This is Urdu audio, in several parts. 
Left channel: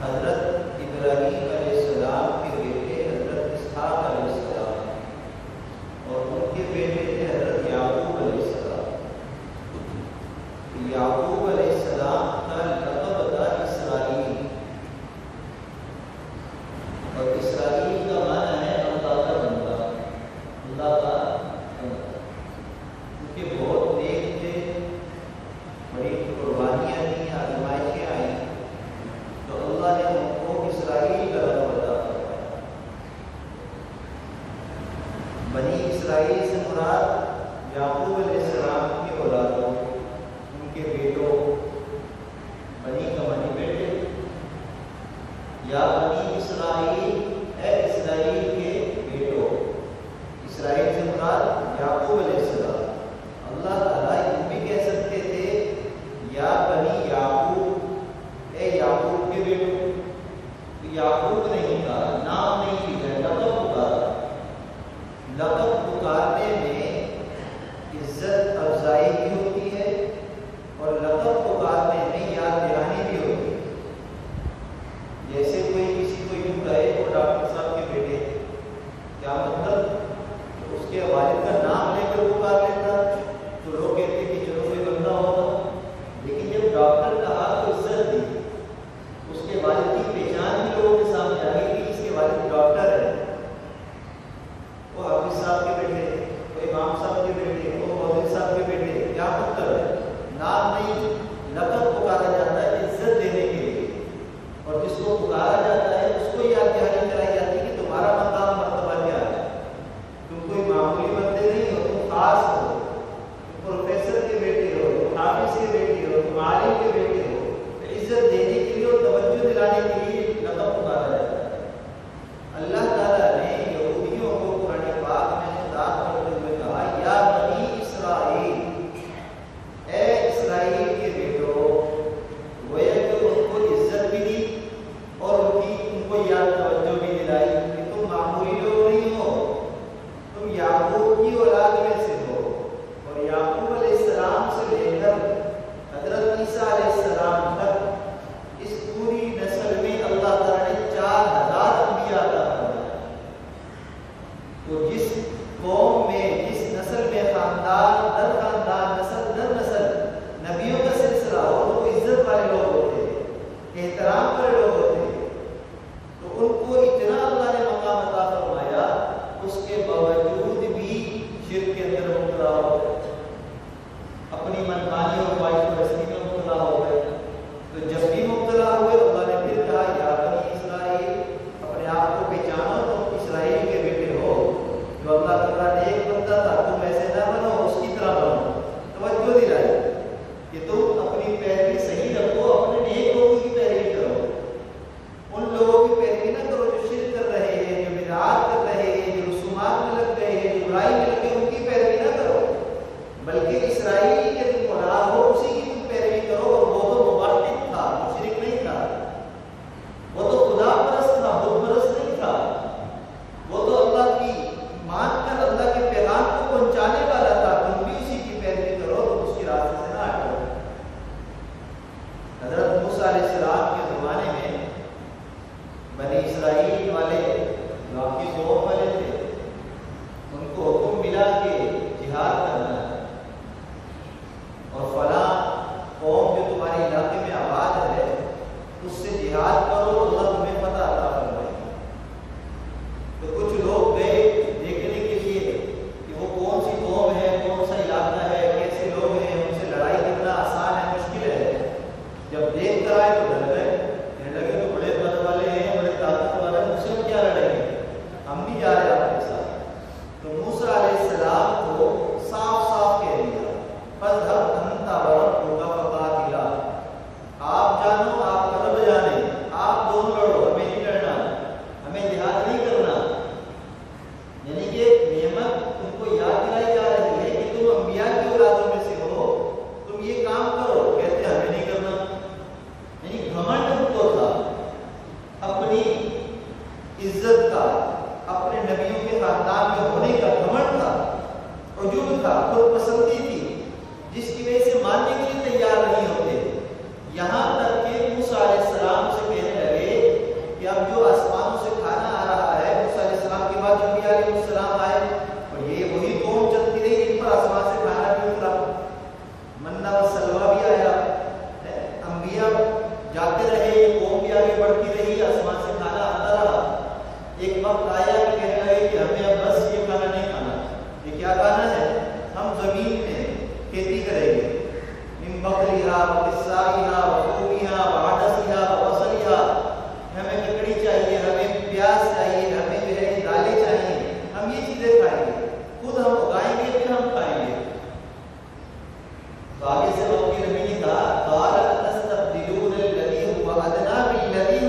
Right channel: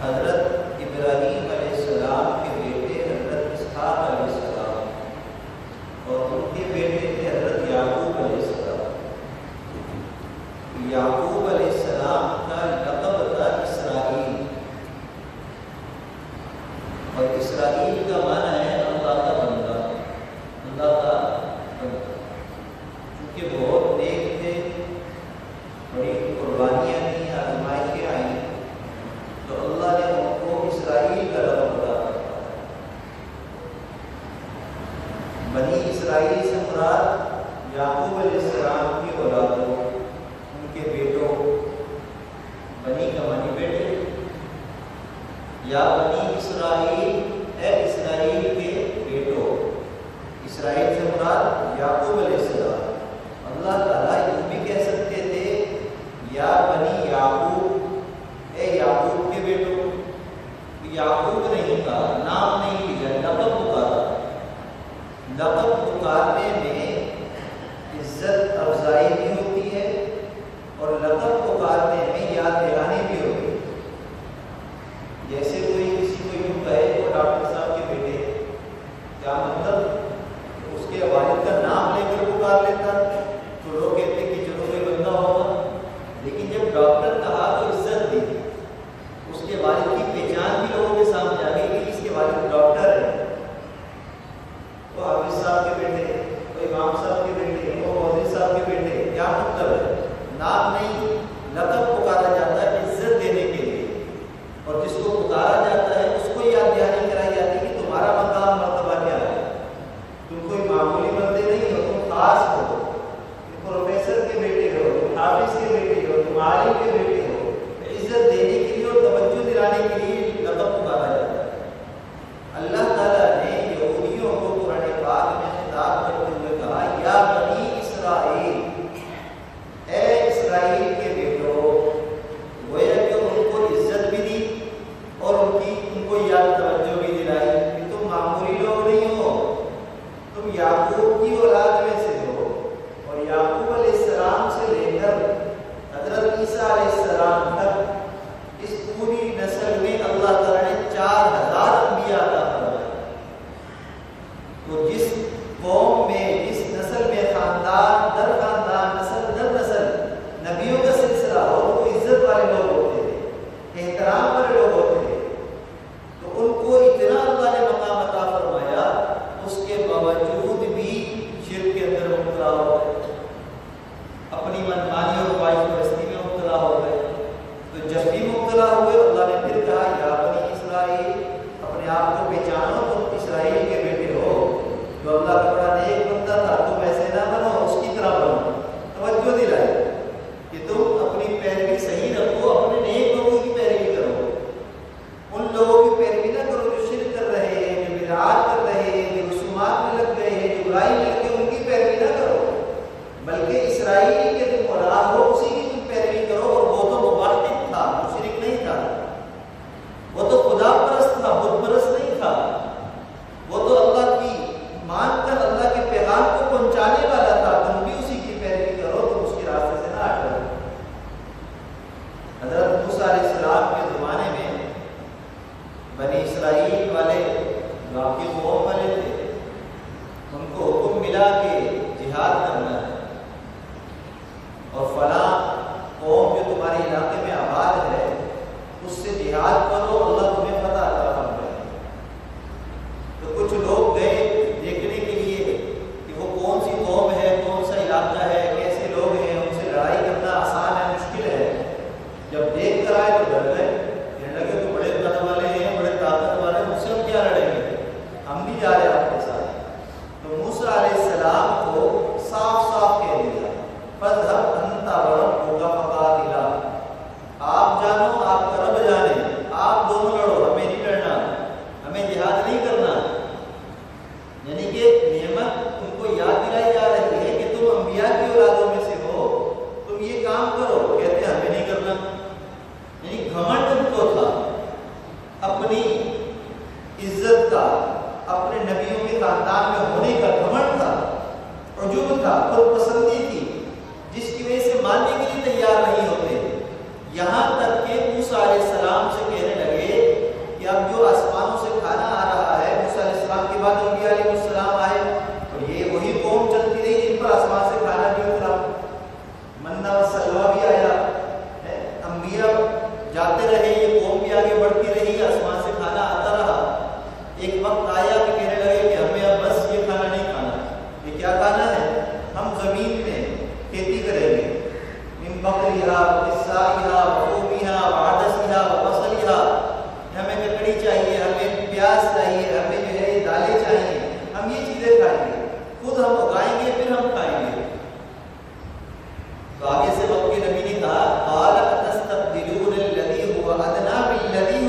حضرت ابراہیم علیہ السلام کے بیٹے حضرت اسحاق علیہ السلام اور ان کے بیٹے تھے حضرت یعقوب علیہ السلام۔ یعقوب علیہ السلام کا لقب تھا اسرائیل، اور اسرائیل کا معنی ہے اللہ کا بندہ، اللہ کا بندہ۔ کیونکہ بہت نیک تھے، بڑی قربانیاں دیں، آزمائشیں آئیں، تو اللہ نے ان کو اسرائیل کا لقب عطا فرمایا۔ بنی اسرائیل سے مراد یعقوب علیہ السلام کی اولادوں، ان کے بیٹوں، بنی کا معنی بیٹے، یا بنی اسرائیل اے اسرائیل کے بیٹوں۔ اسرائیل سے مراد یعقوب علیہ السلام۔ اللہ تعالیٰ یوں بھی کہہ سکتے تھے یا بنی یعقوب اے یعقوب کے بیٹوں، یعقوب نہیں کہا، نام نہیں لیا، لقب پکارا۔ لقب پکارنے میں عزت افزائی بھی ہوتی ہے اور لقب پکارنے میں یاد دہانی بھی ہوتی ہے۔ جیسے کوئی کسی کو یوں کہے وہ ڈاکٹر صاحب کے بیٹے، کیا مطلب اس کے والد کا نام لے کر پکار لیتا تو لوگ کہتے کہ چلو کوئی بندہ ہوگا، لیکن جب ڈاکٹر کہا تو عزت دی، اس کے والد کی پہچان بھی لوگوں کے سامنے آ گئی کہ اس کے والد ڈاکٹر ہے، وہ حافظ صاحب کے بیٹے، وہ امام صاحب کے بیٹے، وہ مولوی صاحب کے بیٹے۔ کیا مطلب ہے؟ نام نہیں، لقب پکارا جاتا ہے عزت دینے کے لیے، اور جس کو پکارا جاتا ہے اس کو یاد دہانی کرائی جاتی ہے کہ تمہارا مقام مرتبہ کیا ہے، تم کوئی معمولی بندے نہیں ہو، تم خاص ہو، تم پروفیسر کے بیٹے ہو، تم حافظ کے بیٹے ہو، تم عالم کے بیٹے ہو۔ عزت دینے کے لیے اور توجہ دلانے کے لیے لقب پکارا جاتا ہے۔ اللہ تعالیٰ نے یہودیوں کو قرآن پاک میں خطاب کرتے ہوئے کہا یا بنی اسرائیل اے اسرائیل کے بیٹوں، گویا کہ ان کو عزت بھی دی اور ان کو یاد توجہ بھی دلائی کہ تم معمولی لوگ نہیں ہو، تم یعقوب کی اولاد میں سے ہو۔ اور یعقوب علیہ السلام سے لے کر حضرت عیسیٰ علیہ السلام تک اس پوری نسل میں اللہ تعالیٰ نے 4000 انبیاء عطا فرمائے۔ تو جس قوم میں، جس نسل میں خاندان در خاندان، نسل در نسل نبیوں کا سلسلہ ہو تو وہ عزت والے لوگ ہوتے تھے، احترام والے لوگ ہوتے تھے، تو ان کو اتنا اللہ نے مقام عطا فرمایا، اس کے باوجود بھی شرک کے اندر مبتلا ہو گئے، اپنی منمانی اور خواہش پرستی میں مبتلا ہو گئے۔ تو جب بھی مبتلا ہوئے اللہ نے پھر کہا یا بنی اسرائیل، اپنے آپ کو پہچانو، تم اسرائیل کے بیٹے ہو۔ جو اللہ کا بڑا نیک بندہ تھا، تم ایسے نہ بنو، اس کی طرح بنو۔ توجہ دلائی کہ تم اپنی پیروی صحیح رکھو، اپنے نیک لوگوں کی پیروی کرو، ان لوگوں کی پیروی نہ کرو جو شرک کر رہے ہیں، جو بدعات کر رہے ہیں، جو رسومات میں لگ گئے ہیں، جو برائی میں لگے، ان کی پیروی نہ کرو، بلکہ اسرائیلی کے تم اولاد ہو اسی کی تم پیروی کرو۔ اور وہ تو موحد تھا، مشرک نہیں تھا، وہ تو خدا پرست تھا، بت پرست نہیں تھا، وہ تو اللہ کی مان کر اللہ کے پیغام کو پہنچانے والا تھا۔ تم بھی اسی کی پیروی کرو، تم اس کے راستے سے نہ ہٹو۔ حضرت موسیٰ علیہ السلام کے زمانے میں بنی اسرائیل والے جو آپ کی قوم والے تھے، ان کو حکم ملا کہ جہاد کرنا ہے، اور فلاں قوم جو تمہارے علاقے میں آباد ہے اس سے جہاد کرو، اللہ تمہیں فتح عطا فرمائے۔ تو کچھ لوگ گئے دیکھنے کے لیے کہ وہ کون سی قوم ہے، کون سا علاقہ ہے، کیسے لوگ ہیں، ان سے لڑائی کرنا آسان ہے مشکل ہے۔ جب دیکھ کر آئے تو ڈر گئے، کہنے لگے تو بڑے قد والے ہیں، بڑے طاقت والے ہیں، مجھ سے ہم کیا لڑیں گے، ہم نہیں جا رہے آپ کے ساتھ۔ تو موسیٰ علیہ السلام کو صاف صاف کہہ دیا فَاذْهَبْ أَنْتَ وَرَبُّكَ فَقَاتِلَا، آپ جانو، آپ کا رب جانے، آپ دونوں لڑو، ہمیں نہیں لڑنا، ہمیں جہاد نہیں کرنا۔ یعنی کہ نعمت تم کو یاد دلائی جا رہی ہے کہ تم انبیاء کی اولادوں میں سے ہو، تم یہ کام کرو، کہتے ہمیں نہیں کرنا۔ یعنی گھمنڈ ان کو تھا، اپنی عزت کا، اپنے نبیوں کے خاندان میں ہونے کا گھمنڈ تھا، عجوب تھا، خود پسندی تھی، جس کی وجہ سے ماننے کے لیے تیار نہیں ہوتے۔ یہاں تک کہ موسیٰ علیہ السلام سے کہنے لگے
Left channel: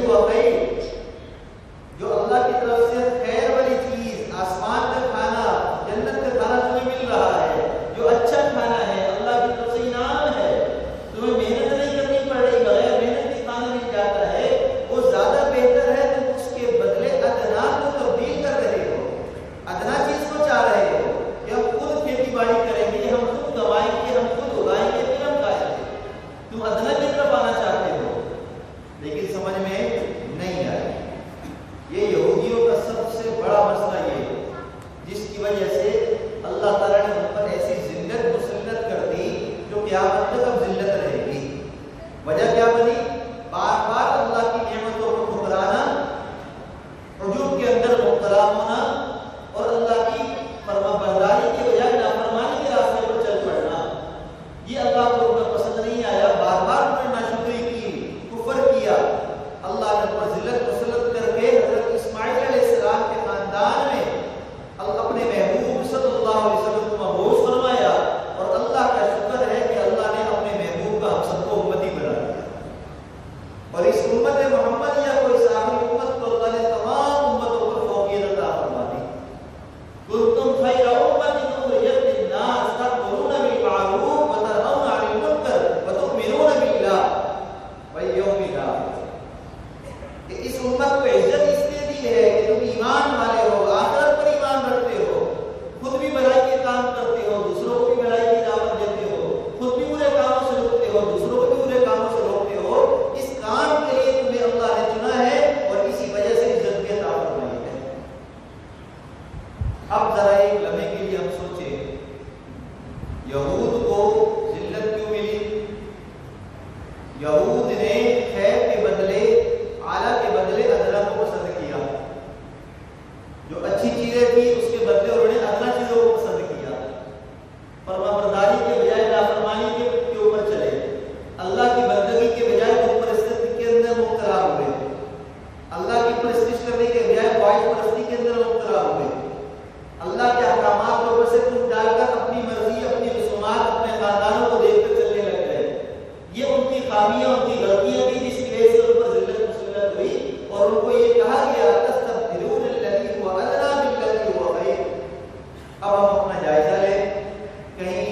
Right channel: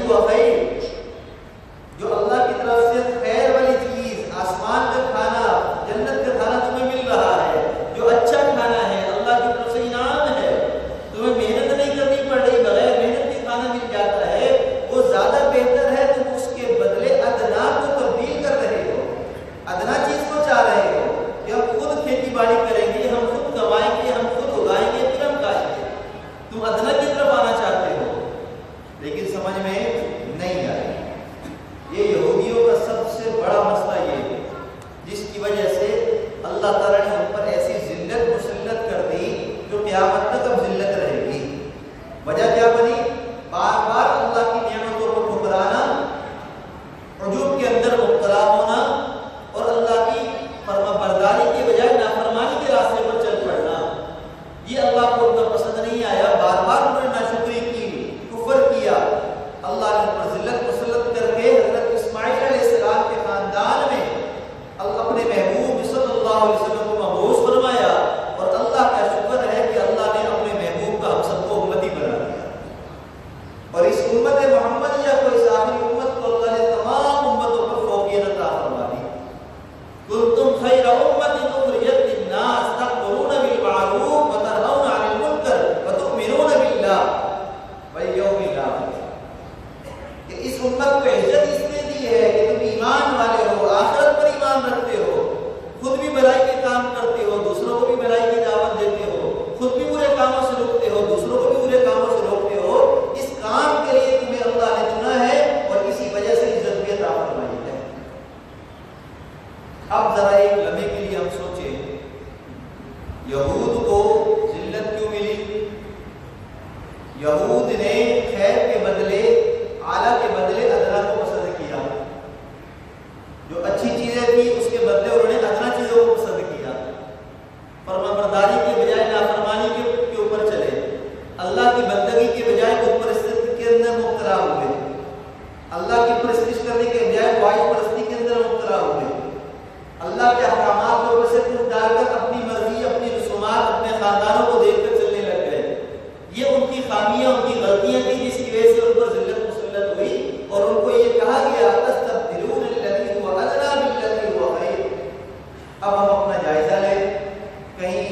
ہوا خیر، جو اللہ کی طرف سے خیر والی چیز، آسمان کا کھانا، جنت کا کھانا تمہیں مل رہا ہے، جو اچھا کھانا ہے، اللہ کی طرف سے انعام ہے، تمہیں محنت نہیں کرنی پڑ رہی، بغیر محنت کے کھانا مل جاتا ہے، وہ زیادہ بہتر ہے، تم اس کے بدلے ادنا کو تبدیل کر رہے ہو، ادنا چیز کو چاہ رہے ہو کہ ہم خود کھیتی باڑی کریں گے، ہم خود کمائیں گے، ہم خود اگائیں گے، پھر ہم کھائیں گے، تم ادنا کی طرف آنا چاہتے ہو، لیکن سمجھ میں نہیں آئی۔ یہ یہودیوں کا سب سے بڑا مسئلہ یہ ہے، جس کی وجہ سے اللہ تعالیٰ نے ان پر ایسی ذلت مسلط کر دی جو قیامت تک اب ذلت رہے گی۔ وجہ کیا بنی؟ بار بار اللہ کی نعمتوں کو ٹھکرانا، عجوب کے اندر مبتلا ہونا، اور اللہ کی فرما برداری کے بجائے نافرمانی کے راستے پر چل پڑنا، یہ اللہ کو ان کا پسند نہیں آیا۔ بار بار انہوں نے ناشکری کی، کفر کیا، اللہ نے ان پر ذلت مسلط کر کے حضرت اسماعیل علیہ السلام کے خاندان میں اپنے محبوب صلی اللہ علیہ وسلم کو مبعوث فرمایا، اور اللہ کا شکر ہے کہ اللہ نے اپنے محبوب کا ہم سب کو امتی بنا دیا، اور اس امت محمدیہ کو، اس آخری امت کو اللہ نے تمام امتوں پر فوقیت عطا فرما دی۔ کنتم خیر امت اخرجت للناس تأمرون بالمعروف وتنہون عن المنکر وتؤمنون باللہ والیوم الآخر۔ اس امت کو عزت اس لیے دی ہے کہ تم ایمان والے ہو، آخرت پر ایمان رکھتے ہو، خود بھی بھلائی کے کام کرتے ہو، دوسروں کو بھی بھلائی کی دعوت دیتے ہو، خود بھی برے کاموں سے روکتے ہو، دوسروں کو بھی برے کاموں سے روکتے ہو۔ اس کام کے لیے تمہیں اللہ نے چنا ہے، اور اسی وجہ سے عزت بھی عطا فرمائی ہے۔ اب ذرا ایک لمحے کے لیے ہم سوچیں، یہود کو ذلت کیوں ملی؟ یہود نے خیر کے بدلے، اعلیٰ کے بدلے ادنا کو پسند کیا، جو اچھی چیزیں تھی اس کے بدلے انہوں نے ادنا چیزوں کو پسند کیا، فرما برداری کے بجائے نافرمانی کے اوپر چلے، اللہ کی بندگی کے بجائے خود پرستی کے اندر مبتلا ہوئے، اللہ کی پرستش کرنے کے بجائے خواہش پرستی کے اندر مبتلا ہوئے، اللہ کے احکامات کو اوپر سے کچھ ڈال کر اپنی مرضی، اپنی رسومات، اپنے خاندانوں کو دیکھ کر چلنے لگ گئے۔ یہ ان کی خامیاں، ان کی غلطیاں تھیں، جس کی وجہ سے ان پر ذلت مسلط ہوئی، اور ان کو یہ کہا گیا تستبدلون الذی هو ادنی بالذی هو خیر۔ اب ہم اپنا جائزہ لیں، کہیں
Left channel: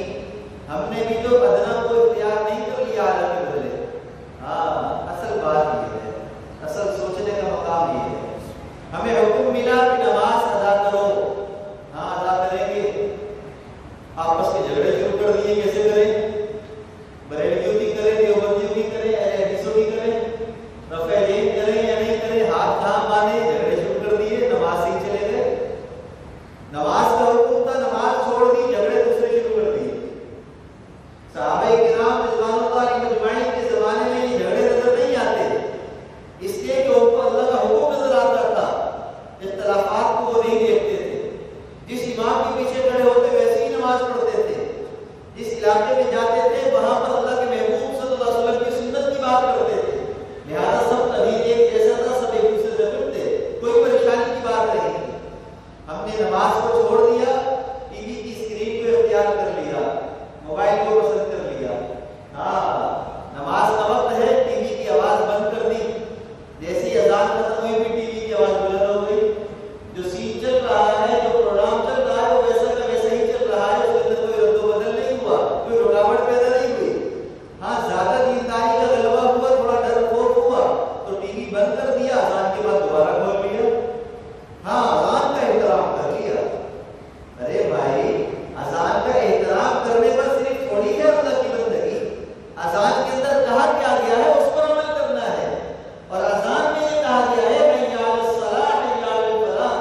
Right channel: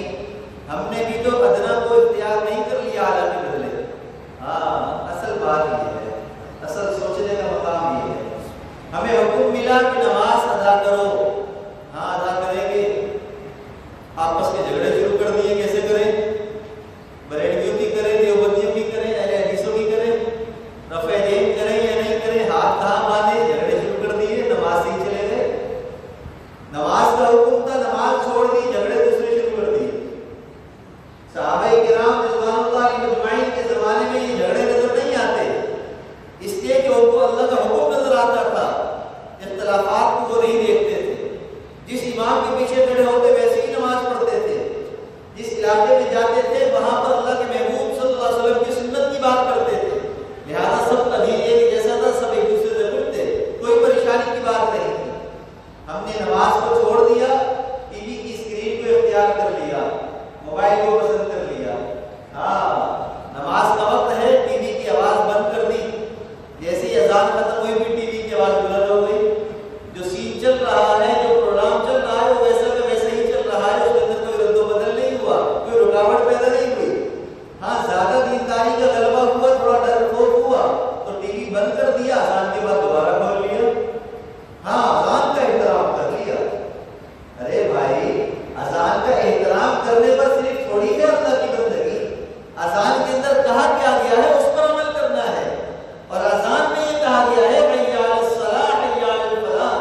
ہم نے بھی تو ادنا کو اختیار نہیں کر لیا اعلیٰ کے بدلے؟ ہاں، اصل بات یہ ہے، اصل سوچنے کا مقام یہ ہے۔ ہمیں حکم ملا کہ نماز ادا کرو، ہاں ادا کریں گے، آپس کے جھگڑے شروع کر دیے، کیسے کریں؟ بریلویوں کی کریں، دیوبندیوں کی کریں، اہل حدیثوں کی کریں، رفع یدین کریں یا نہیں کریں، ہاتھ کہاں باندھے، جھگڑے شروع کر دیے، نماز سے ہی چلے گئے۔ نماز کا حکم تھا، نماز چھوڑ دی، جھگڑے دوسرے شروع کر دیے۔ صحابہ کرام رضوان اللہ علیہم اجمعین کے زمانے میں یہ جھگڑے نظر نہیں آتے، اس لیے کہ ان کو اللہ کا حکم نظر آتا تھا، اختلافات کو وہ نہیں دیکھتے تھے، جس امام کے پیچھے کھڑے ہوتے ویسے ہی نماز پڑھتے تھے، جس علاقے میں جاتے تھے وہاں پر اللہ کے محبوب صلی اللہ علیہ وسلم کی سنت کی بات کرتے تھے، لہذا سب ابھی ایک جیسا تھا، سب ایک دوسرے سے فٹ تھے، کوئی پریشانی کی بات نہیں تھی۔ ہم نے نماز کو چھوڑ دیا، ٹی وی کی اسکرین کو اختیار کر لیا، موبائل کو پسند کر لیا، ہاں نماز کا وقت ہے، ٹی وی کی آواز بند کر دی، جیسے ہی اذان ختم ہوئی پھر ٹی وی کی آواز بلند ہو گئی، جو سین چل رہا ہے، جو پروگرام چل رہا ہے وہ ویسا کا ویسا ہی چل رہا ہے، اس کے اندر کوئی رد و بدل نہیں ہوا، کوئی رکاوٹ پیدا نہیں ہوئی۔ ہاں زیادہ دینداری کا غلبہ ہوا، تھوڑا ڈر خوف ہوا تو ٹی وی بند کر دیا، اذان کے بعد دوبارہ کھول لیا، ہاں اذان کا احترام کر لیا۔ ارے بھائی، اذان کا احترام کرنے پر صرف تھوڑی ہے اللہ کی بندگی، اذان کے اندر کہا کیا گیا ہے اس پر عمل کرنا ہے، اور اذان میں یہ کہا گیا ہے حی علی الصلاۃ حی علی الفلاح،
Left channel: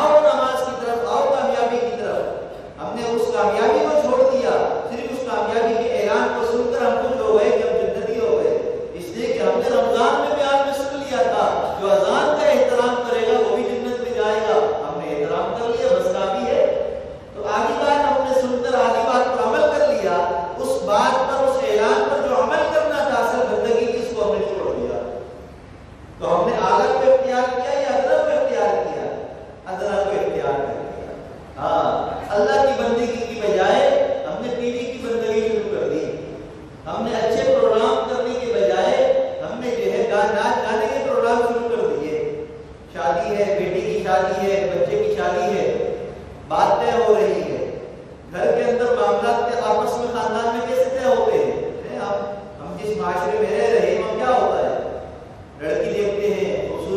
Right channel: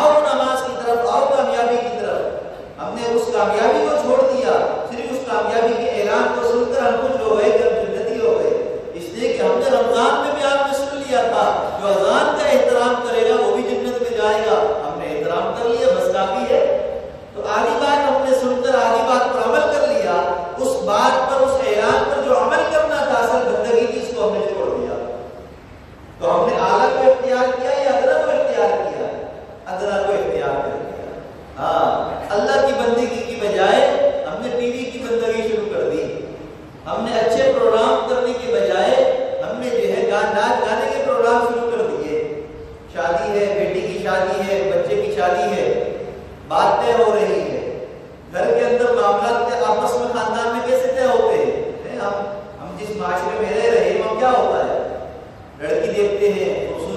آؤ نماز کی طرف، آؤ کامیابی کی طرف۔ ہم نے اس کامیابی کو چھوڑ دیا، صرف اس کامیابی کے اعلان کو سن کر ہم خوش ہو گئے کہ ہم جنتی ہو گئے، اس لیے کہ ہم نے رمضان میں بیان میں سن لیا تھا جو اذان کا احترام کرے گا وہ بھی جنت میں جائے گا، ہم نے احترام کر لیا، بس کافی ہے۔ تو آدھی بات ہم نے سن کر آدھی بات پر عمل کر لیا، اس بات پر، اس اعلان پر جو عمل کرنا تھا اصل بندگی کی، اس کو ہم نے چھوڑ دیا۔ تو ہم نے اعلیٰ کو اختیار کیا یا ادنا کو اختیار کیا؟ ادنا کو اختیار کر لیا۔ ہاں، اللہ کی بندگی کی بجائے ہم نے ٹی وی کی بندگی شروع کر دی، ہم نے اچھے پروگرام کرنے کے بجائے ہم نے جو ہے ناچ گانے کے پروگرام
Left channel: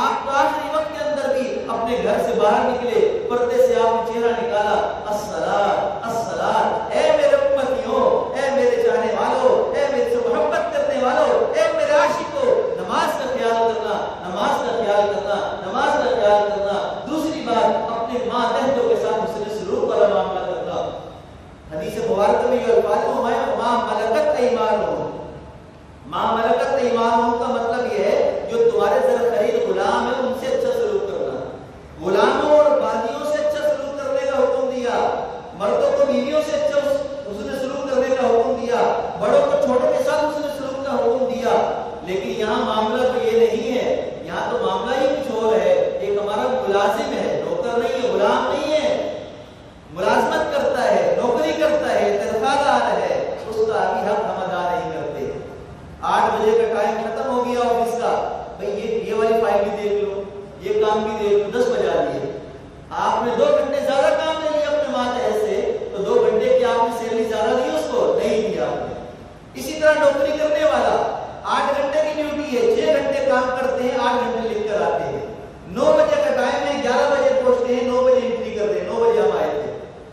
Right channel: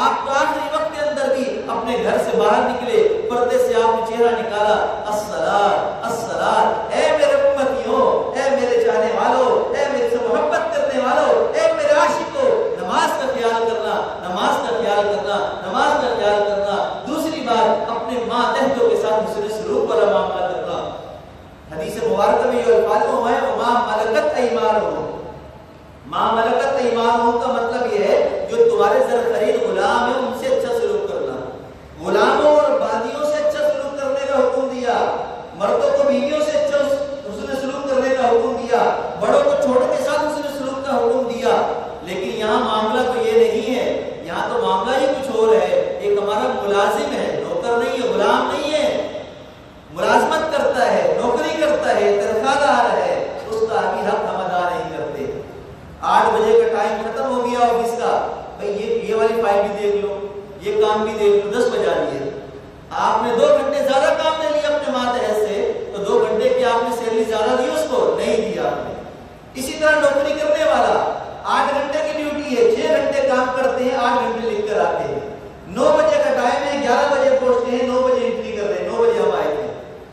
آپ تو آخری وقت کے اندر بھی اپنے گھر سے باہر نکلے، پردے سے آپ نے چہرہ نکالا، الصلاۃ الصلاۃ، اے میرے امتیوں، اے میرے چاہنے والوں، اے میرے سے محبت کرنے والوں، اے میرے عاشقوں، نماز کا خیال کرنا، نماز کا خیال کرنا، نماز کا خیال کرنا۔ دوسری بات، اپنے ماتحتوں کے ساتھ حسن سلوک والا معاملہ کرنا۔ حدیث مبارکہ میں یہ الفاظ ہیں، وما ملکت ایمانہم، ما ملکت ایمانہم کا مطلب یہ ہے جو تمہارے زر خرید غلام ہیں ان سے اچھا سلوک کرنا، غلاموں اور باندیوں سے اچھا سلوک کرنے کا حکم دیا، مردوں کو بیویوں سے اچھا حسن سلوک کرنے کا حکم دیا، بڑوں کو چھوٹوں کے ساتھ حسن سلوک کا حکم دیا۔ لیکن یہاں معاملہ تو یہ نہیں ہے، یہاں تو معاملہ ہی کچھ اور ہے۔ ایک ہمارا ملازم ہے، نوکر نہیں ہے، غلام نہیں ہے، ملازمت کرتا ہے، نوکری کرتا ہے، تنخواہ دار ہے، اس کا بھی حق ہم ادا نہیں کرتے۔ 8 بجے کا ٹائم ختم ہو گیا آفس کا، بھئی یہ والی فائل بھی دیکھ لو، یہ کام بھی دیکھ لو، 10 بجا لیے، آپ نے 2 گھنٹے زیادہ کام لے لیا اپنے ماتحت سے، تو 2 گھنٹے کی آپ نے سیلری زیادہ دی اس کو؟ نہیں دیا آپ نے۔ اسی طرح نوکری کرنے والا 8 گھنٹے کی ڈیوٹی ہے، 6 گھنٹے کام کرتے ہیں، 8 گھنٹے لکھ کر آتے ہیں، 9 بجے کا ٹائم ہے، 11 بجے پہنچتے ہیں، 9 بجے انٹری کر رہے ہیں، 9 بجے ہم آئے تھے۔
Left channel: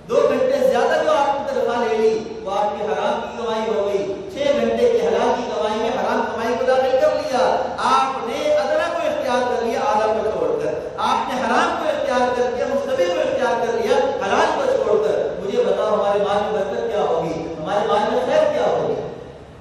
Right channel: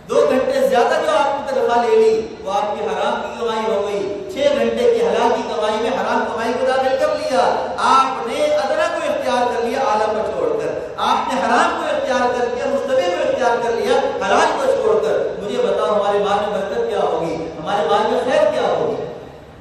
2 گھنٹے زیادہ جو آپ نے تنخواہ لے لی وہ آپ کی حرام کی کمائی ہو گئی، 6 گھنٹے کی حلال کی کمائی میں حرام کمائی کو داخل کر لیا۔ آپ نے ادنا کو اختیار کر لیا اعلیٰ کو چھوڑ کر، آپ نے حرام کو اختیار کر لیا، مستبی کو اختیار کر لیا حلال کو چھوڑ کر۔ مجھے بتاؤ ہمارے مال میں برکت کیا ہوگی، ہمارے مال میں خیر کیا ہوگی؟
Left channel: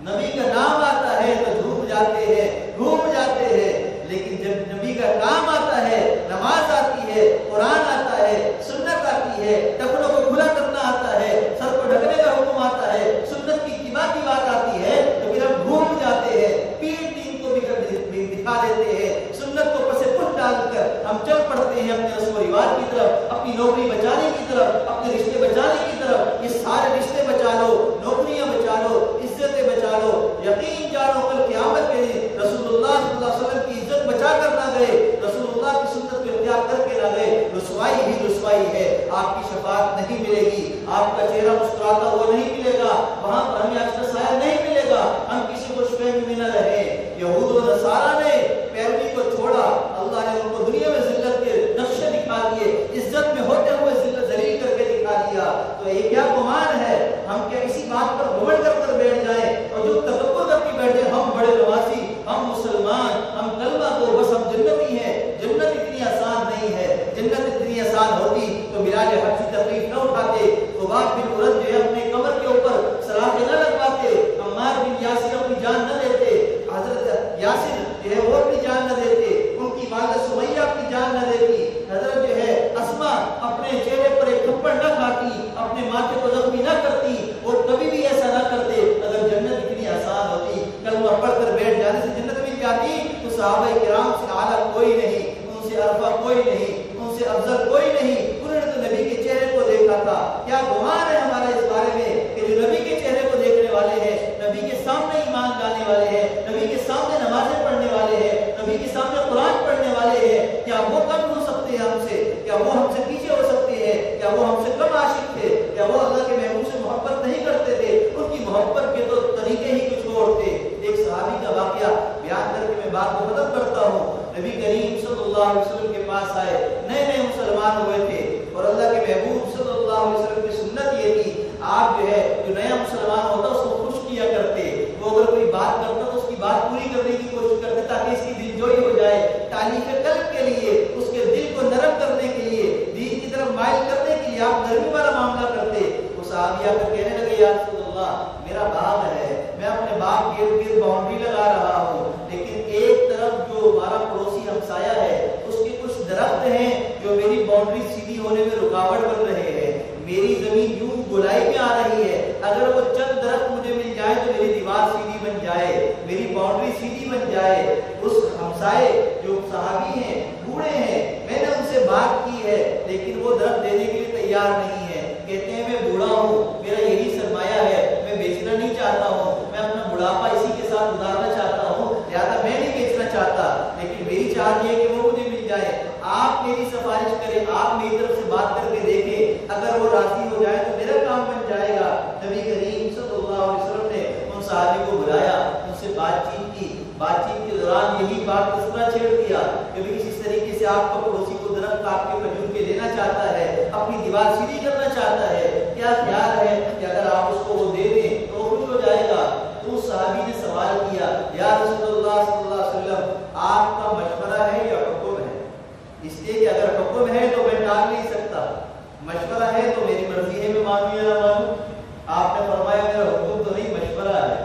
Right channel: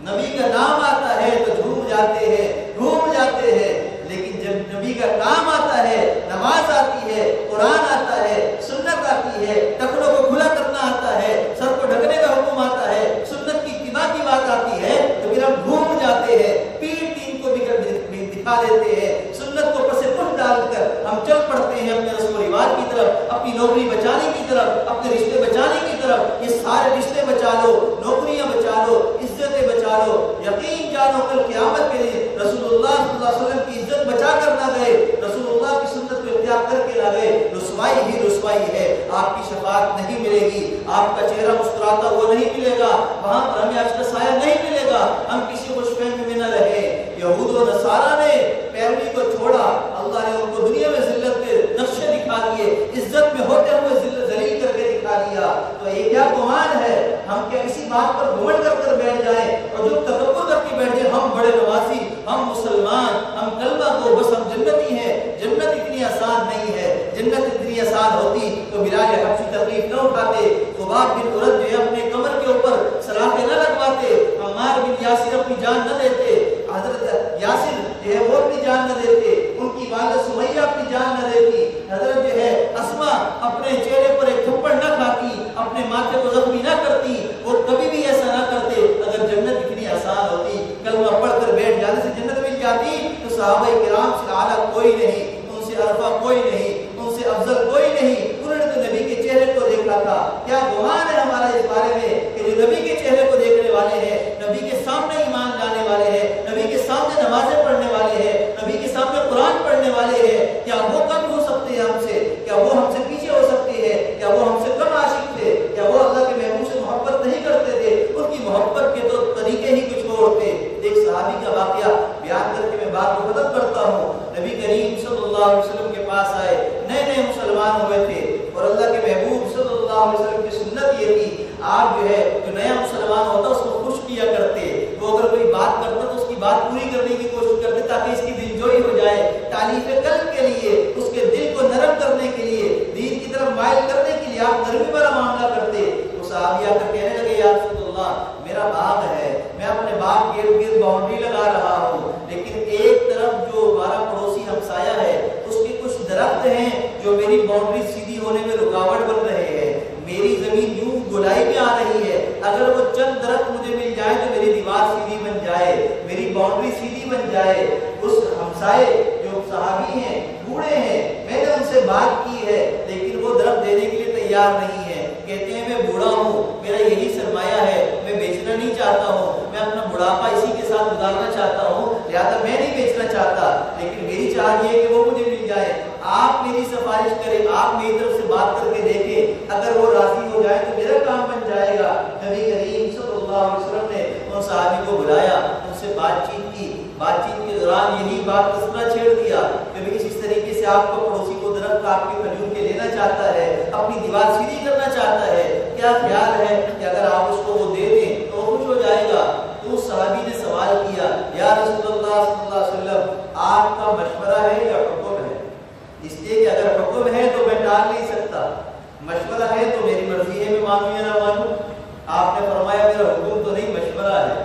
نبی کا نام آتا ہے تو جھوم جاتے ہیں، گھوم جاتے ہیں، لیکن جب نبی کا کام آتا ہے، نماز آتی ہے، قرآن آتا ہے، سنت آتی ہے، ٹخنوں کو کھلا کرنا آتا ہے، سر کو ڈھکنے کا حکم آتا ہے، سنت کی اتباع کی بات آتی ہے، تو پھر ہم گھوم جاتے ہیں، پیٹ دین کو بھی دکھا دیتے ہیں، سنت کو پس پش ڈال کر ہم چل پڑتے ہیں اپنے رسم و رواج کی طرف، اپنی نوکری بچانے کی طرف، اپنے رشتے بچانے کی طرف۔ یہ سارے رشتے بچا لو، نوکریاں بچا لو، عزتیں بچا لو، یقین جانو کل قیامت کے دن رسول اللہ صلی اللہ علیہ وسلم کی عزت بچا کر نہ گئے، رسول اللہ کی سنت کو اختیار کر کے نہ گئے، رسوائی ہی رسوائی ہے۔ آپ کی شفاعت نہیں ملے گی، آپ کا چہرہ مسکراتا ہوا نہیں ملے گا، وہاں پر ہمیں آج کا سایہ نہیں ملے گا، ہم کسی خوش فہمی میں نہ رہے۔ یہود و نصارہ نے پیروی کو چھوڑا، اللہ نے ان کو دنیا میں ذلت کے نقشے دکھا دیے، عزت میں ہوتے ہوئے ذلیل کر کے دکھا دیا۔ تو یہ کیا گمان ہے، ہم کیا کسی بات پر گھمنڈ کر بیٹھ جائیں اور جو تکبر کر کے بیٹھ جائیں ہم بڑے نوازی، ہم مسلمان، ہم کلمہ کو بس ہم جنتی ہیں۔ جنت اتنی آسان نہیں ہے، جنت اتنی آسان ہوتی تو بلال حبشی تکلیف نہ اٹھاتے، خباب بن عرد جو ہے اپنے کمر کے اوپر سلاخیں نہ لگواتے، عمار بن یاسر اپنی جان نہ دیتے، حضرت یاسر جو ہے وہ اپنی جان نہ دیتے، ان کی والدہ سمیہ اپنی جان نہ دیتی، حضرت جو ہے اسما اپنے چہرے پر ایک تھپڑ نہ کھاتی، اپنے ماتھے کو زخمی نہ کرتی، وہ کبھی بھی ایسا نہ کرتے۔ اگر جنت اتنی آسان ہوتی، کلمہ پڑھ کر بیٹھ جانے سے جنت مل جاتی، تو صحابہ کرام سے اعلیٰ کوئی نہیں، ان سے عرفہ کوئی نہیں، ان سے افضل کوئی نہیں، انہوں نے تو نبی کے چہرے کو دیکھا تھا۔ کیا گمان ہے ہمارا اس بارے میں کہ جو نبی کے چہرے کو دیکھنے والے ہیں، نبی کے سامنے ایمان لانے والے ہیں، نبی کے سامنے نمازیں پڑھنے والے ہیں، نبی کے سامنے قرآن پڑھنے والے ہیں، کیا وہ کم ہو سکتے ہیں ہم سے؟ کیا وہ ہم سے پیچھے ہو سکتے ہیں؟ کیا وہ ہم سے کم عاشق تھے؟ کیا وہ اللہ کے محبوب سے محبت نہیں کرتے تھے؟ ان کی محبت کے تو طریقے ہی کچھ اور تھے۔ ایک صحابی کا واقعہ بیان کر کے میں بات کو ختم کرتا ہوں۔ نبی کریم صلی اللہ علیہ وسلم کے پاس آئے، نئے نئے مسلمان ہوئے تھے، اور اللہ کے محبوب صلی اللہ علیہ وسلم کی سنت یہ تھی، آپ جو ہے جو نیا مسلمان ہوتا اس کو خوش کیا کرتے، وہ اگر کوئی بات کرتا تو اس کی بات پوری کرنے کی کوشش کرتے تاکہ اس کی دل جوئی ہو جائے، تعلیف قلب کے لیے، اس کے دل کو نرم کرنے کے لیے، دین کی طرف مائل کرنے کے لیے آپ نرمی والا معاملہ کرتے۔ وہ صحابی آ کر کہنے لگے، یا رسول اللہ میرا باغ ہے، میں اپنے باغ کے ارد گرد باؤنڈری لگا رہا ہوں، لیکن ایک طرف جو ہمارا پڑوسی ہمسایہ ہے اس کے کچھ درخت ہیں جو میری باؤنڈری سیدھی ہونے میں رکاوٹ بن رہے ہیں، میری زمین یوں گولائی میں آ رہی ہے، اگر وہ چند درخت مجھے مل جائے تو میری دیوار سیدھی بن جائے، میری باؤنڈری سیدھی بن جائے۔ اس ہمسائے جو صحابی ہیں، بوڑھے ہیں، میں نے ان سے بات کی ہے لیکن وہ درخت دینے کے لیے تیار نہیں ہے، کہتے ہیں میں بوڑھا ہوں، میرا یہی سرمایہ ہے، میں بیچنا نہیں چاہتا ہوں، میں اپنا بڑھاپا اسی کے ساتھ گزارنا چاہتا ہوں، لہذا میں نہیں بیچنا چاہتا، لیکن میری چاہت یہ ہے کہ وہ مجھے مل جائے، آپ میری سفارش کریں، آپ میری طرف سے بات کر کے دیکھیں، اگر وہ راضی ہو جائے تو میرا کام بن جائے گا۔ نبی کریم صلی اللہ علیہ وسلم نے ان صحابی کو بلایا، ان سے بات چیت کی، بات چیت کے دوران یہی بات تذکرہ چھیڑ دیا کہ کسی آپ کا پڑوسی کو درخت آپ کے کھجور کے لینا چاہتا ہے، اپنی دیوار سیدھی کرنا چاہتا ہے، کیا خیال ہے کہ اگر آپ اس کو وہ دے دیں تو وہ خوش ہو جائے گا؟ تو اس صحابی نے سوال کیا، یا رسول اللہ صلی اللہ علیہ وسلم آپ کا مشورہ ہے یا حکم ہے؟ اس لیے کہ اگر حکم ہے تو میں ٹال نہیں سکتا، مشورہ ہے تو میری مرضی ہے، میں مانوں یا نہ مانوں۔ آپ نے فرمایا میرا حکم تو نہیں، مشورہ ہے۔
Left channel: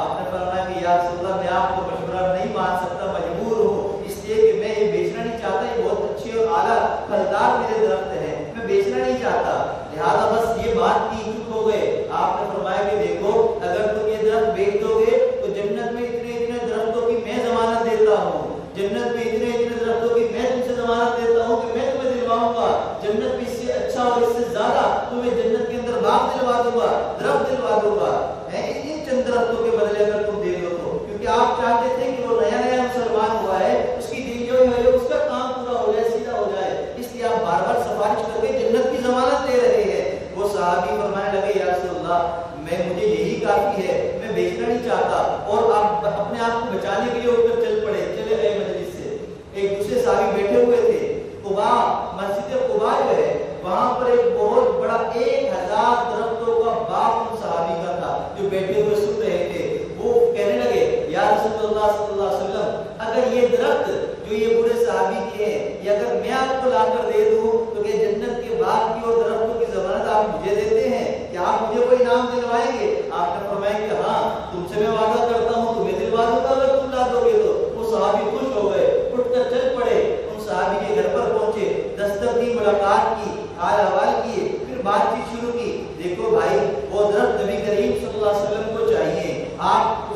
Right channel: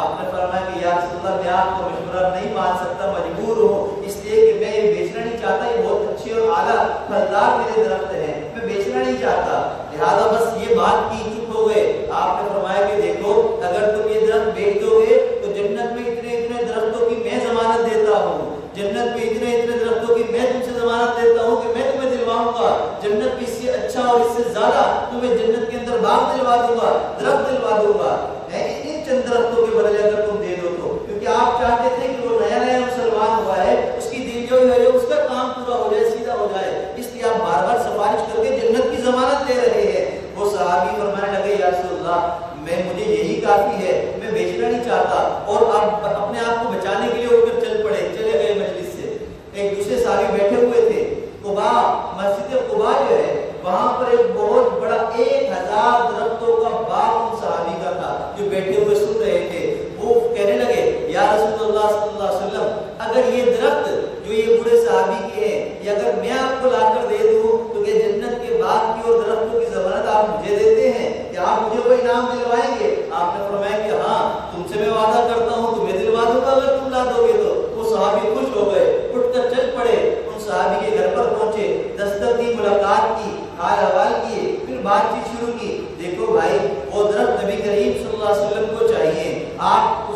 آپ نے فرمایا کہ یا رسول اللہ میں آپ کو مشورہ نہیں مان سکتا، مجبور ہوں، اس لیے کہ میں یہ بیچنا نہیں چاہتا، یہ بہت اچھے اور اعلیٰ پھلدار میرے درخت ہیں، میں بیچنا نہیں چاہتا، لہذا بس یہ بات کی، چپ ہو گئے۔ آپ نے فرمایا کہ دیکھو اگر تم یہ درخت بیچ دو گے تو جنت میں اتنے اتنے درختوں کی میں ضمانت دیتا ہوں، جنت میں اتنے اتنے درختوں کی میں تم سے ضمانت دیتا ہوں کہ میں تمہیں دلواؤں گا، جنت میں اس سے اچھا اور اس سے زیادہ تمہیں جنت کے اندر باغ دلوا دوں گا، درخت دلوا دوں گا، ان چند درختوں کے بدلے اگر تم دے دو تو۔ کیونکہ آپ چاہتے تھے کہ وہ نیا نیا مسلمان ہوا ہے، اس کی دل جو ہے اس کا کام پورا ہو جائے، سیدھا ہو جائے، اس لیے آپ بار بار سفارش کر کے جنت کی ضمانت لے رہے ہیں۔ وہ صحابی فرمانے لگے یا رسول اللہ مجھے یہی کافی ہے، میں بیچنا نہیں چاہتا، اور آپ اپنے آپ کو بچانے کے لیے اٹھ کر چلے گئے مجلس سے۔ ایک دوسرے صحابی بیٹھے ہوئے تھے، قباء، مسجد قباء جو ہے وہاں پر ایک بہت بڑا 1000 درختوں کا باغ ان صحابی کا تھا جو بیٹھے ہوئے سن رہے تھے۔ وہ کہنے لگے یا رسول اللہ صلی اللہ علیہ وسلم اگر یہ درخت جو یہ بوڑھے صحابی کے ہیں یہ اگر میں آپ کو لا کر دے دوں تو کہ جنت کے باغ کی اور درختوں کی ضمانت آپ مجھے دیتے ہیں، کیا آپ مجھے وہ انعام دلوائیں گے؟ آپ نے فرمایا کہ ہاں تم سے میں وعدہ کرتا ہوں تمہیں دلوا دوں گا اگر تم لا دو گے تو۔ وہ صحابی خوش ہو گئے، اٹھ کر چل پڑے، ان صحابی کے گھر پر پہنچے، دستک دی، ملاقات کی، حال احوال کیے، پھر بات چیت شروع کی۔ دیکھو بھائی وہ درخت نبی کریم صلی اللہ علیہ وسلم کو چاہیے، آپ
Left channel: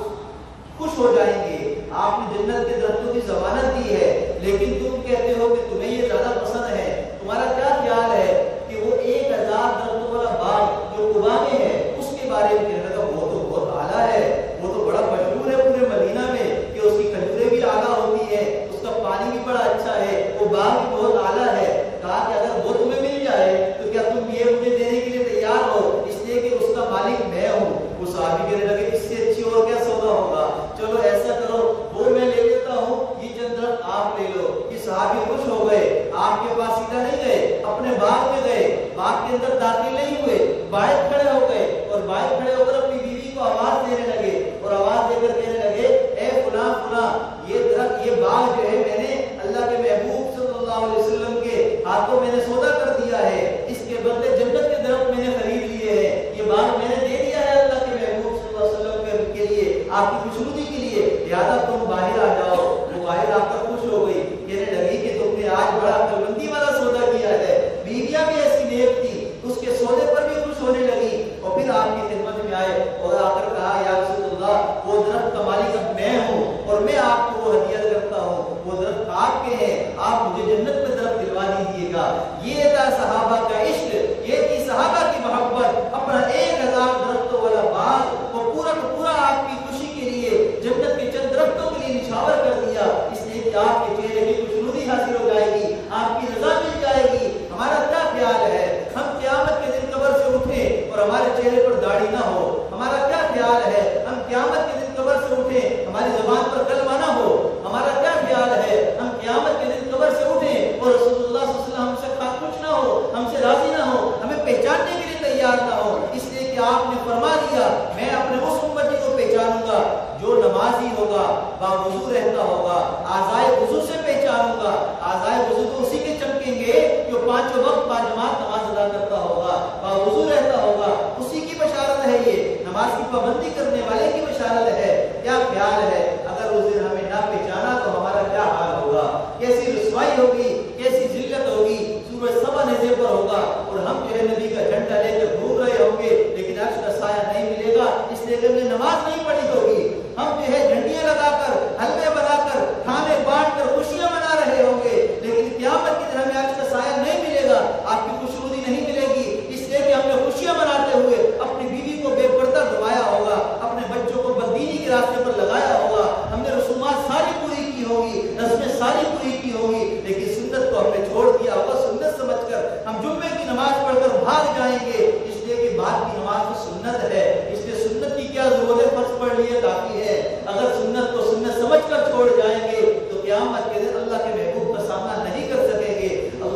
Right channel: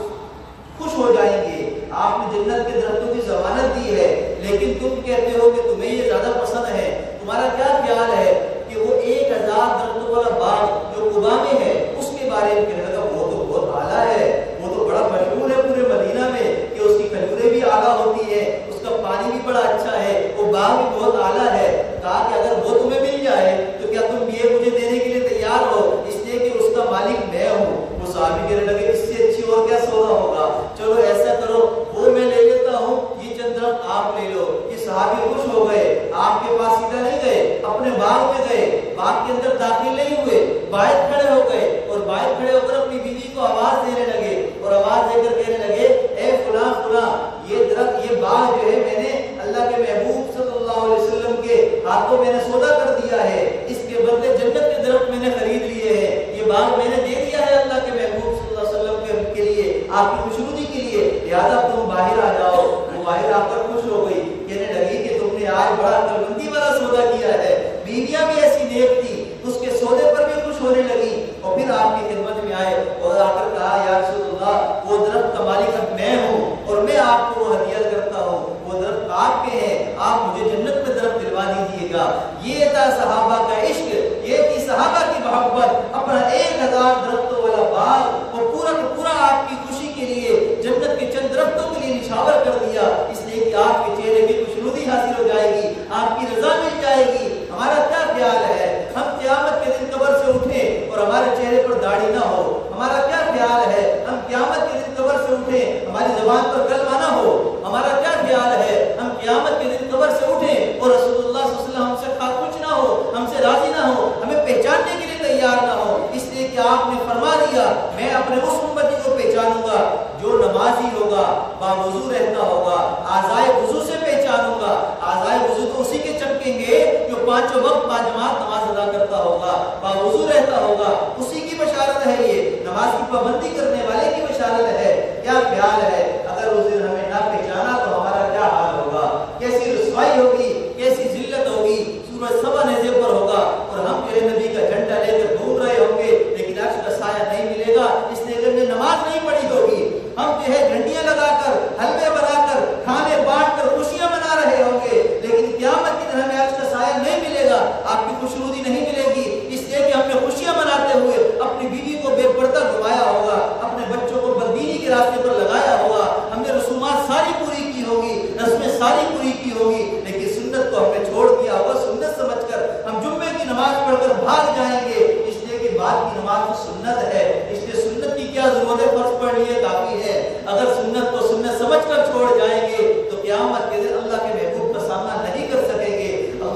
خوش ہو جائیں گے، آپ نے جنت کے درختوں کی ضمانت دی ہے، لیکن تم کہتے ہو کہ تمہیں یہ زیادہ پسند ہے، تمہارا کیا خیال ہے کہ وہ 1000 درختوں والا باغ جو قباء میں ہے اس کے بارے میں کہنے لگا وہ تو بہت اعلیٰ ہے، وہ تو بڑا مشہور ہے پورے مدینہ میں کہ اس کی کھجوریں بھی اعلیٰ ہوتی ہے، اس کا پانی بھی بڑا اچھا ہے، وہ باغ بھی بہت اعلیٰ ہے۔ کہا کہ اگر وہ تمہیں مل جائے تو کیا تم یہ مجھے دینے کے لیے تیار ہو؟ اس لیے کہ اس کا مالک میں ہوں۔ وہ صحابی کہنے لگے اس سے اچھی اور کیا سودا ہوگا، چلو ایسا کرو وہ میں لے لیتا ہوں، یہ چند درخت آپ لے لو۔ یہ صحابی خوش ہو گئے، آپ کے پاس سیدھا نہیں گئے، اپنے باغ میں گئے، باغ کے اندر داخل نہیں ہوئے، باہر کھڑے ہو گئے اور باہر کھڑے ہو کر اپنی بیوی کو آواز دینے لگے اور آواز دے کر کہنے لگے اے فلاں فلاں یہ درخت یہ باغ جو ہے میں نے اللہ کے محبوب صلی اللہ علیہ وسلم کے ہاتھوں میں نے سودا کر دیا ہے، اس کے بدلے جنت کے درخت میں نے خرید لیے ہیں، یہ باغ میں نے دے دیا ہے اللہ کے محبوب صلی اللہ علیہ وسلم کے لیے، آپ کی خوشنودی کے لیے، لہٰذا تم باہر آ جاؤ۔ وہ باہر آ کر خوش ہو گئی، کہنے لگی کہ تم نے آج بڑا عقل مندی والا سودا کیا ہے، بیویاں بھی ایسی نیک تھی، اس کے سودے پر بھی خوش ہونے لگی، اور پھر آپ کی خدمت میں آئے اور آ کر کہا یا رسول اللہ وہ درخت کا مالک اب میں ہوں اور میں آپ کو وہ ہدیہ کرتا ہوں، وہ درخت آپ کے ہیں، آپ مجھے جنت میں درخت دلوا دیجیے گا۔ یہ تھا صحابہ کا عشق، یہ تھی صحابہ کی محبت، اپنا 1000 درختوں والا باغ وہ پورا کا پورا آپ کی خوشی کے لیے جنت کے چند درختوں کے لیے نچھاور کر دیا، اس لیے کہ آپ کے چہرے کی خوشنودی حاصل ہو جائے گی، آپ کی رضا مل جائے گی۔ ہمارا کیا خیال ہے ہم قیامت کے دن قبر سے اٹھیں اور ہمارے چہرے پر داڑھی نہ ہو؟ ہمارا کیا خیال ہے ہم قیامت کے دن قبر سے اٹھیں ہماری زبان پر کلمہ نہ ہو؟ ہمارا کیا خیال ہے ہم قیامت کے دن قبر سے اٹھیں اور رسول اللہ صلی اللہ علیہ وسلم ہم سے خوش نہ ہو، ہم سے راضی نہ ہو، ہمیں پہچاننے کے لیے تیار نہ ہو؟ اس لیے کہ آپ نے فرما دیا میں اپنے اس امتی کو پہچانوں گا جو نمازی ہوگا، باوضو رہتا ہوگا، اعضائے وضو سے پہچانوں گا۔ اعضائے وضو تو اسی کے چمکیں گے جو 5 وقت باجماعت نماز ادا کرتا ہوگا، باوضو رہتا ہوگا، اسی کی بشارت ہے، یہ نماز کی پابندی کرنے والے کی بشارت ہے۔ کیا خیال ہے اگر اس دن ہمیں نہ پہچانا تو ہمارا کیا حال ہوگا؟ کیسی رسوائی ہوگی، کیسی ذلت ہوگی، سورج سبا نیزے پر ہوگا اور ہم جو ہے نبی کا جھنڈا لے کر گھوم رہے ہوں گے لیکن عرش کا سایہ نہیں ملے گا، اس لیے کہ ہم نے نماز نہیں پڑھی ہوگی۔ ہم جو ہے جھنڈیاں لگا کر، حلوے بنا کر، کھانے بانٹ کر خوشیاں منا رہے ہوں گے لیکن قیامت کے دن ہمیں عرش کا سایہ نہیں ملے گا، آپ کی خوشنودی نہیں ملے گی، اس لیے کہ ہم نے خوشیاں مناتے ہوئے اپنی بیوی کو بے پردہ گھمایا ہوگا، اپنے بچوں کو بددینی کے راستے پر لگایا ہوگا، ہم نے رسومات ساری پوری کی ہوگی، رسمیں ساری پوری کی ہوگی، لیکن سنت کو ہم نے چھوڑ دیا ہوگا۔ سنت سمجھ کر ہم جمعے کی نماز پڑھ کر بھاگ جائیں گے، اس لیے کہ بعد کی نماز تو سنت ہے، اس لیے سنت کی کیا ضرورت ہے، فرض پڑھ لیے کافی ہے۔ اگر سنت کو سنت سمجھ کر چھوڑ جائیں گے تو قیامت کے دن اللہ کے محبوب کا سامنا نہیں کر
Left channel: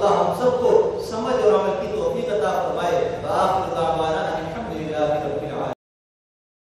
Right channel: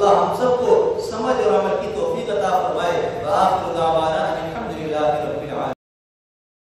اللہ ہم سب کو سمجھ اور عمل کی توفیق عطا فرمائے۔ وآخر دعوانا